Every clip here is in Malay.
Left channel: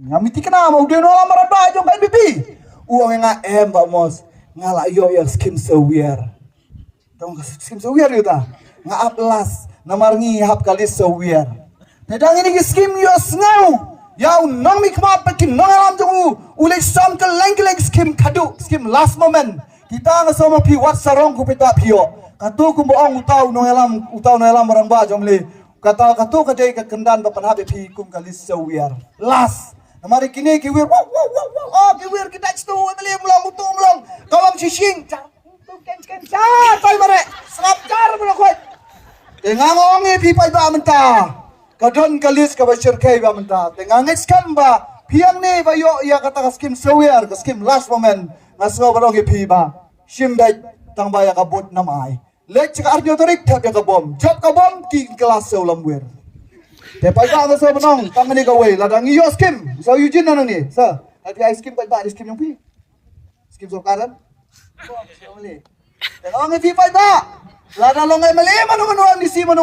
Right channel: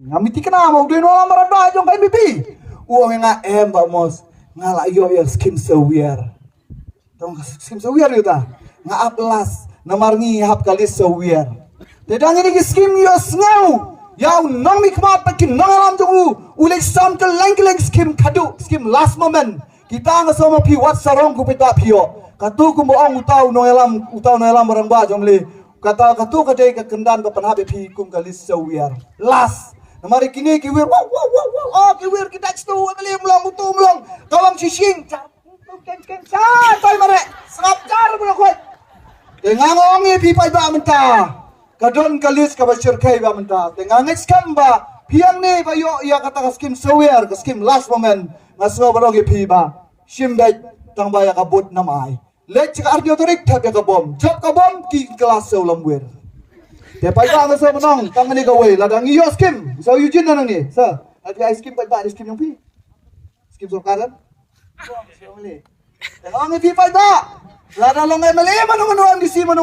Ngamiti kena mau dia nolam maraba jong kan BP. Uang nga vamos ngala yo skim sewier. Tong skim sewier yuta. Nga aplas namarngi hap kali sewier. Tedang ini skim yo snau. Yau nang mikmat pakin nalam jong ulai sam ke leng skim kadu skim last moment. Kita nga sama pi wat sarong ku peta pio. Katu ku boong utau noelam maramba jong le. Kata kadai ka kendan ba panhabe pi kum kali sewier. Last namari kini kiwir wow kiwir kita stu beli mulang butu mulang kawang sising ken tai bare sakar bulan kuat tengang ongi pi pai ba menta kadon kalis ka bashir kai ba menta tengang skam ba piang ni ba yo ya kata skim sewier ka skim last moment ngaso barong pi ba shimbet tang ba ya kabut namai lech arjo tarik thap ya kabom jok kabom ki kelas ulamwir. Depai tak ada saya benang, kami ni gawe. Ladang iyo skim, so Eugene nana ni, sir. Ada ice cream pai skim yang pi, skim sokaran. Ang pi pai tak, ladang longai mele mana di si mana.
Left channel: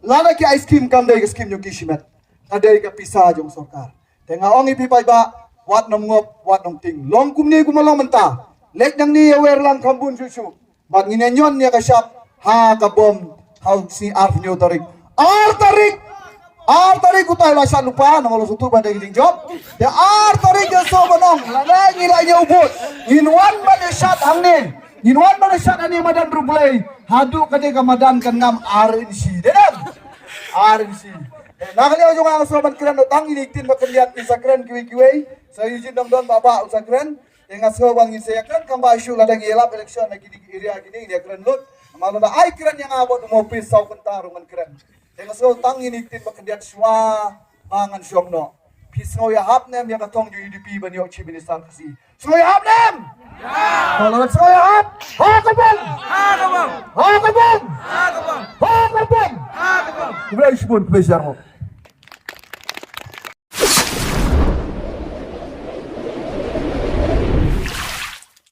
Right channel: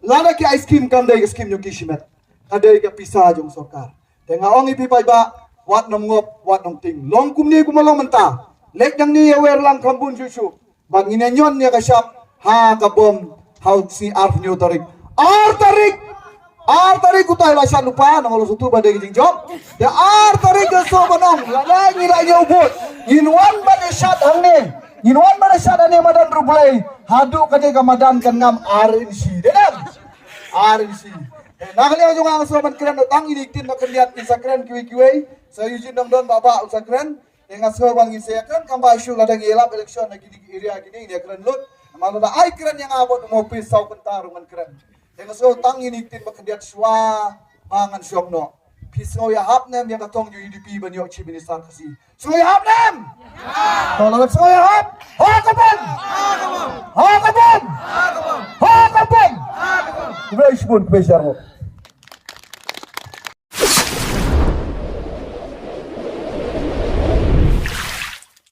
Ladang ke ice cream kam dari skim yang kishimat. Ada ke pisah jong sokar. Tengah ang pi pai tak, wat nam ngop, wat nam ting. Long kum ni kumalang mentah. Lek dang ni awer lang kampun susu. Bang inenyon ni kasyap, ha kabom, hau si arf nyo tarik. Tarik utai lah saya lupa nongol sutu pada gijing job. Ya tarik joso banang. Lagi lagi ubud. Inwan pada syat hangne. Inwan pada syat ane madan rubulai. Hadu kaje kamadan kan ngam RNC. Dedam. RNC. Nahli aja ngang sobat keren datang ini tin bekerja Instagram kiwi. Saya izin dong baba Instagram. Yang aso bang isakan kang basu ladang elap election lagi di area gini dia keren lut. Malu dah ai keren yang abot mau pisau kentar dengan keren. Yang so tang ini tin bekerja swa bangan syomno. Pisau ya hap nem yang katong ju UDP banyo chi minister kasi. So ya hap nem. Kalau so ya hap. Ha kabon. Ha kabon. Ha kabon. Ha kabon. Ha kabon. Ha kabon. Kubai sipun kubai syarmo.